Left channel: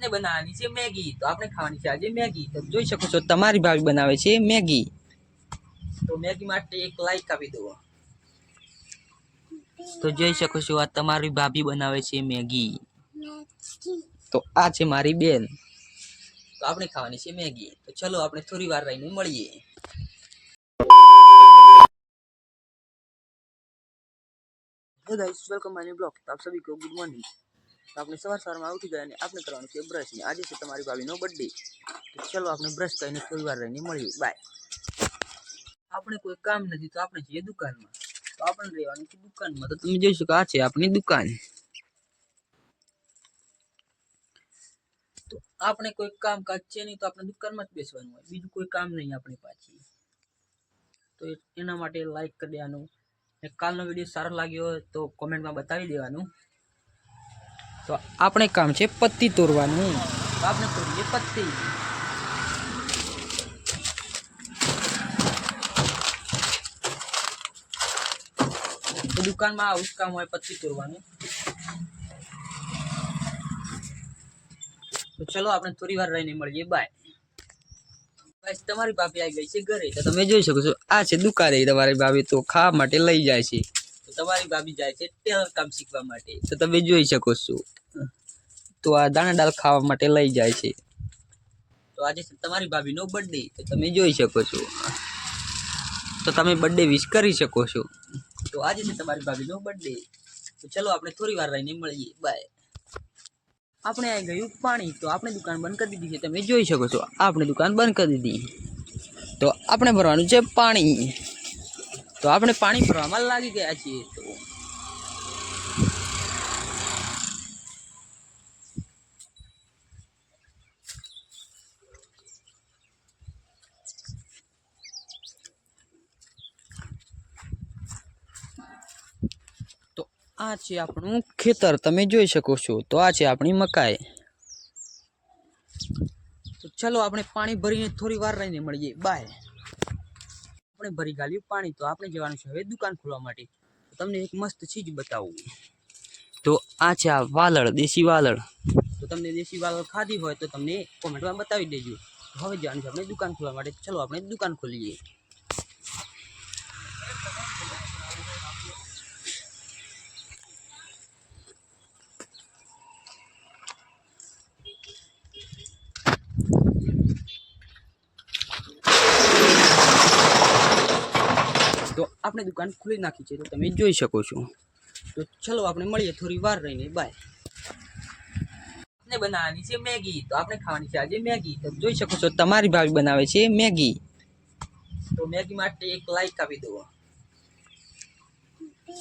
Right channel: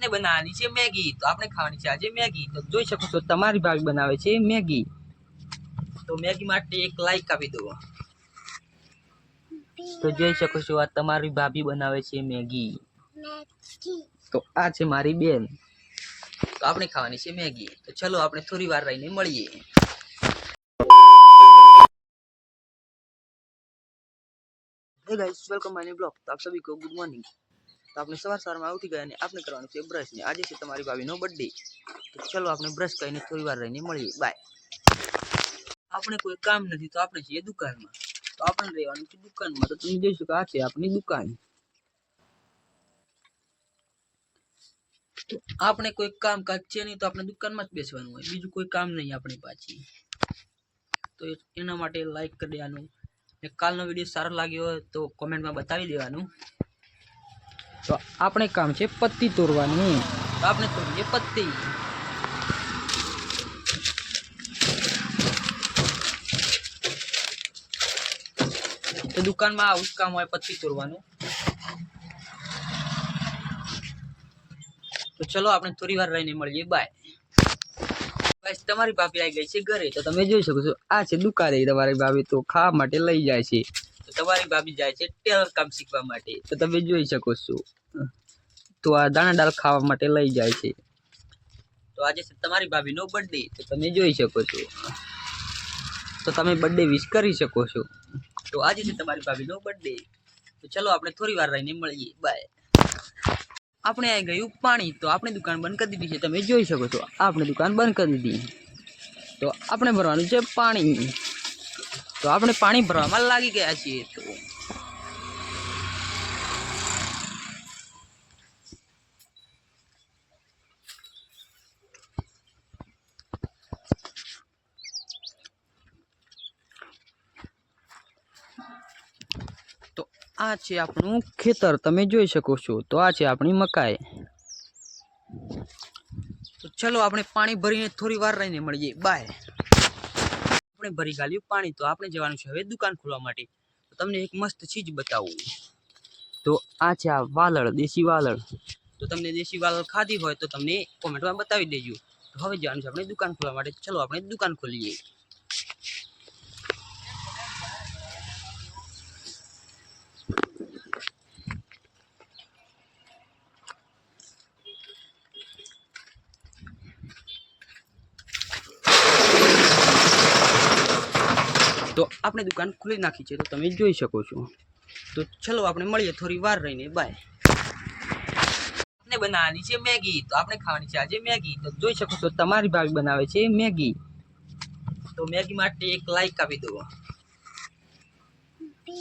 ને બનાવવાની છે મેગી, તો આપણે ખાવાની છે આજે મેગી। તો જોઈ શકો છો તમારી ભાભી બનાવે છે મેગી। તો મેગી માટે એક લાઈક આપી દો। તો જોઈ શકો છો આ તમારી ભાભી બનાવે છે મેગી। તો આ છે મારી બેન। તો આપણે ખાવાની છે મેગી। તો ચલો આપણે થોડી વાર રહીને મળીએ। Hey guys, welcome my new blog. तो आप सभी को गुड मॉर्निंग। तो आपने सवार में उठी गया ने आपने करवानुं छे ब्रश ने आज से तमारी भाभीनो बर्थडे। तो चलो आपने ब्रश करीने थोड़ी वार रहीने मळीए। बाय। आपने कोई काम नहीं तो आपने छे दुकान में। तो आपने रहेवानुं छे दुकान में। तो तुम जोई शको आ छे आपनी दुकान। तो आपने कोई काम काज छे नहीं तो आपने दुकान में ज बेसवानुं होय, बीजुं कोई काम नहीं आपणी पाछे। तो एना माटे लाइक कर देवानुं। कालनो विडियो सारो लाग्यो हो तो कमेंट में बतावी देवानुं। तो आपणे काम छे पत्ती तोड़वानुं। तो आपणे तोड़ीए पत्ती। तो दुकान में आवुं काम होय पत्ती तोड़वानुं। तो चलो आपणे थोड़ी वार रहीने मळीए। बाय। गाइस, तमारी भाभी आई गई छे घरे। तो तमे जोई शको छो आ छे दुकाने तमारी भाभी तो खावा माटे लई जाय छे। तो तमारी भाभी जाय छे टेलर काम शीखवा माटे। तो तमे जोई शको छो तो आ दाणा दाल खावा माटे लई जाय छे। तो आज तमारी भाभी नो बर्थडे। तो तमे जोई शको छो तो तमे बर्थडे विश करी शको छो। तो आज तमारी भाभी नो बर्थडे। तो चलो आपणे थोड़ी वार रहीने मळीए। बाय। आपणे आई गयुं पाणी। तो आपणे दुकान बंद कर दीधी छे। तमे जोई शको छो आपणे दुकान बंद कर दीधी। तो आपणे भरवानुं छे पाणी। तो आपणे पाणी भरवामां लागी गया छीए। तो आ छे आपनुं खेतर तमे जोई शको छो। तो आ छे आपणी मकाई। तो चलो आपणे पाणी भरीने थोड़ी वार रहीने मळीए। बाय। आपणे भरी गाल्युं पाणी। तो आपणे जवानुं छे हवे दुकान खोलवा माटे। तो तमने एक मस्त चीज बतावुं। तो आ छे आ वालळ, देशी वालळ। तो तमने देशी वालळ खाधी होय तो तमने कमेंट में बतावी देजो। तो हवे जवानुं छे आपणे दुकान खोलवा माटे। चलो आपणे दुकान खोलीए। तो आपणे दुकान खोली नाखी छे। तो तमे जोई शको छो। तो चलो आपणे मळीए थोड़ी वार रहीने। बाय। आपणे बनावવાની છે મેગી। तो आपणे ખાવાની છે આજે મેગી। तो જોઈ શકો છો તમારી ભાભી બનાવે છે મેગી। તો મેગી માટે એક લાઈક આપી દો।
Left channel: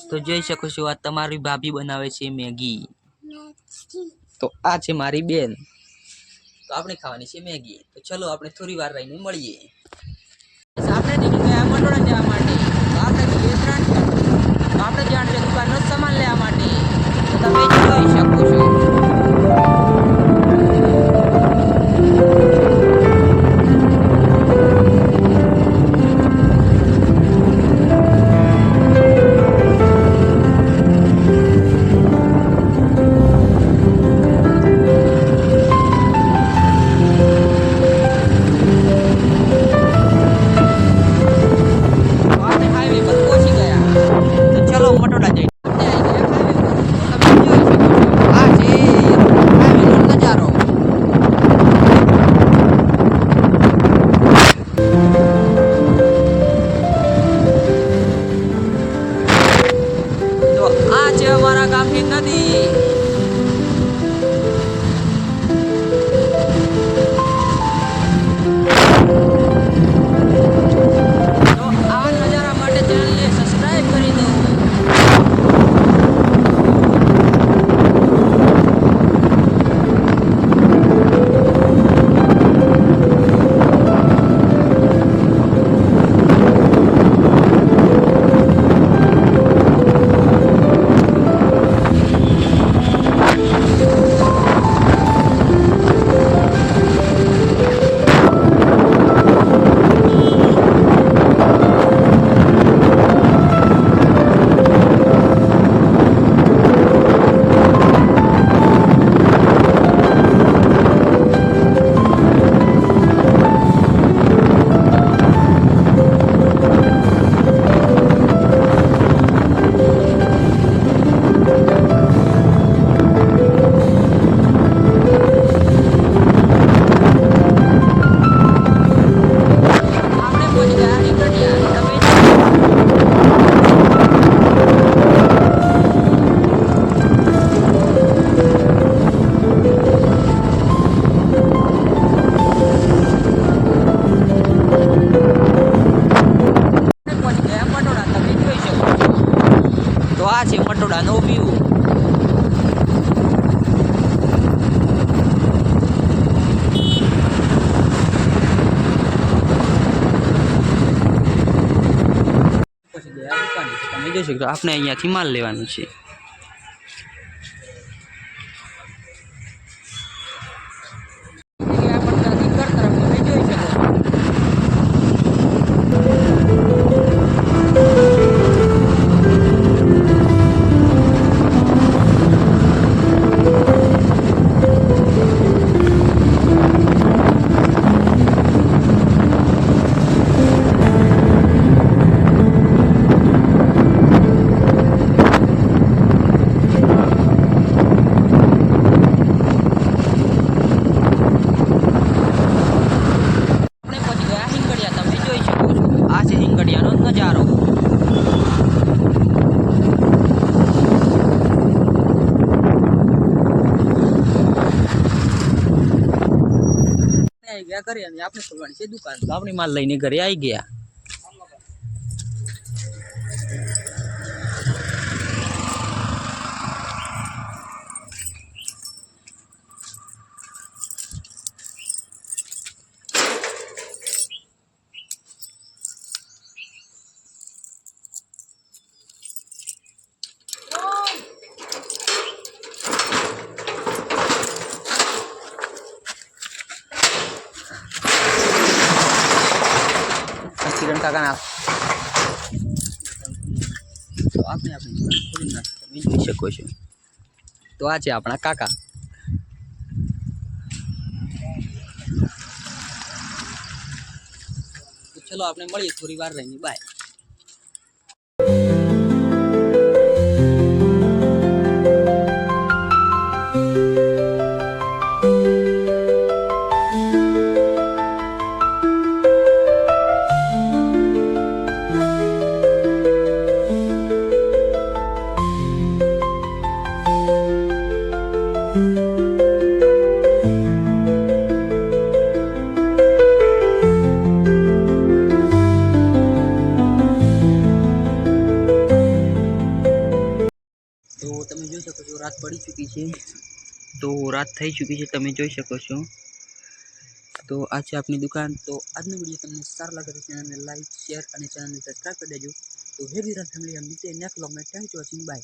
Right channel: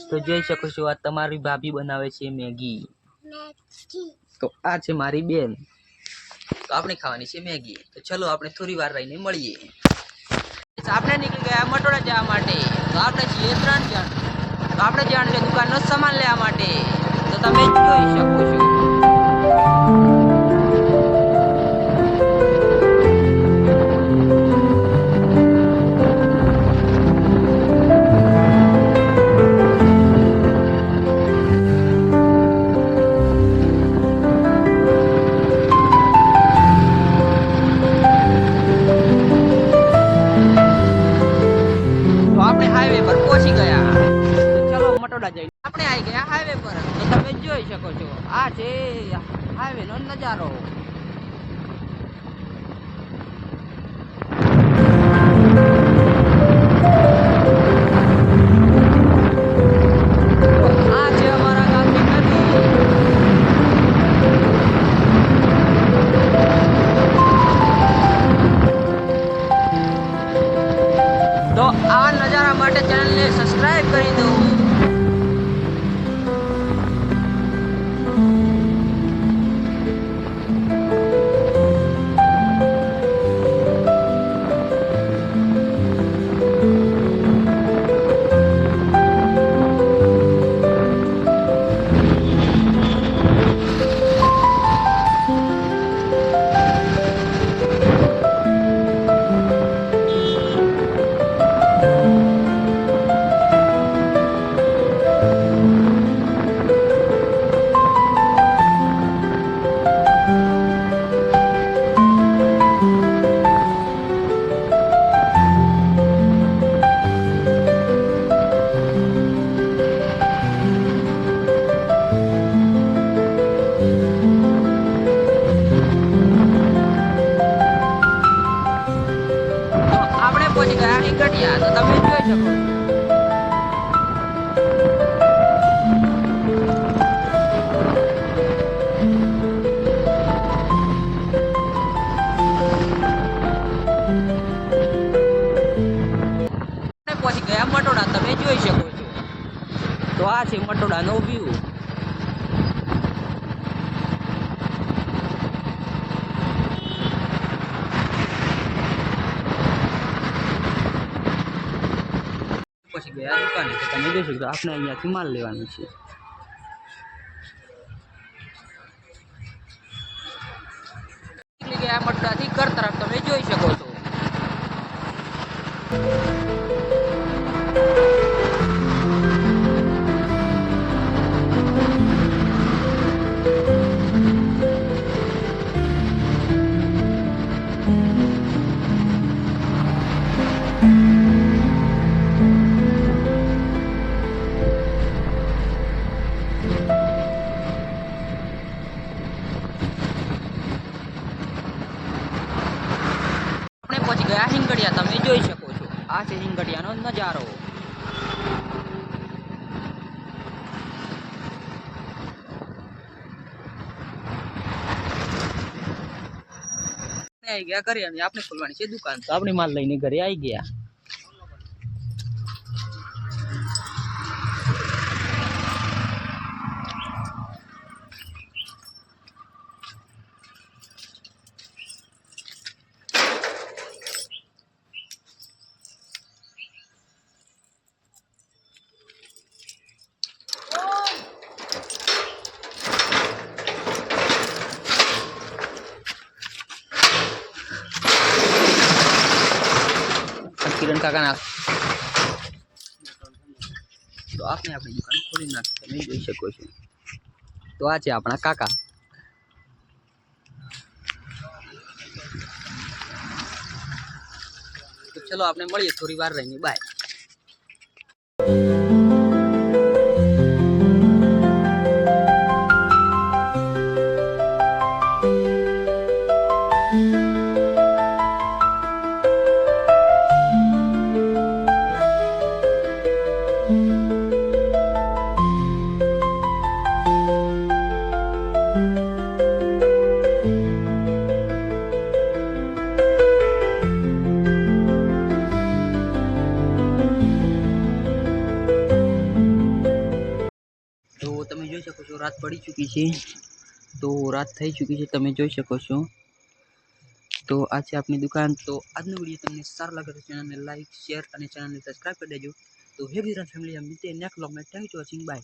તો જોઈ શકો છો આ તમારી ભાભી બનાવે છે મેગી। તો આ છે મારી બેન। તો આપણે ખાવાની છે મેગી। તો ચલો આપણે થોડી વાર રહીને મળીએ। આપણે નીકળી ગયા મટોડા જવા માટે। તો આપણે છીએ 3 જણ। તો આપણે જવાનું છે દુકાનનો સામાન લેવા માટે। તો તમે જોઈ શકો છો। मटोड़ा जई आपणे आई गया हाईवे पर। तो તમે જોઈ શકો છો આ છે તમે જોઈ શકો છો. તો આ છે મટોડાનો વ્યૂ. પછી ગયા દુકાને તો તમે જોઈ શકો છો આપણે અહીંયાથી માલ લેવાનું છે. ગયા મટોડાથી ઘર તરફ તમે જોઈ શકો છો. હિંગડિયા તમે જોઈ શકો છો. આ છે હિંગડિયાનો નજારો. આવી ગયા ઘરે અને આપણે ખોલવાની છે દુકાન. તો આપણે માલ લઈને ઘરે આવી ગયા. કિરણ કાકાના તો આપણે આપણી દુકાન ખોલી નાખી તમે જોઈ શકો છો. તો આ છે આપણા કાકા. તો ચલો આપણે મળીએ થોડી વાર રહીને. બાય. તો તમે જોઈ શકો છો રાત પડી ચૂકી છે. તો રાત થઈ ચૂકી છે તમે જોઈ શકો છો. તો આ છે આપણી દુકાન. તો આજનો વિડીયો તમને સારો લાગે તો ચેનલને લાઈક શેર અને ચેનલને સબસ્ક્રાઈબ કરી દેજો. તો હે ગુજરાત ફેમિલી, हम मिलते हैं नेक्स्ट व्लॉग में. Thank you for watching. Bye.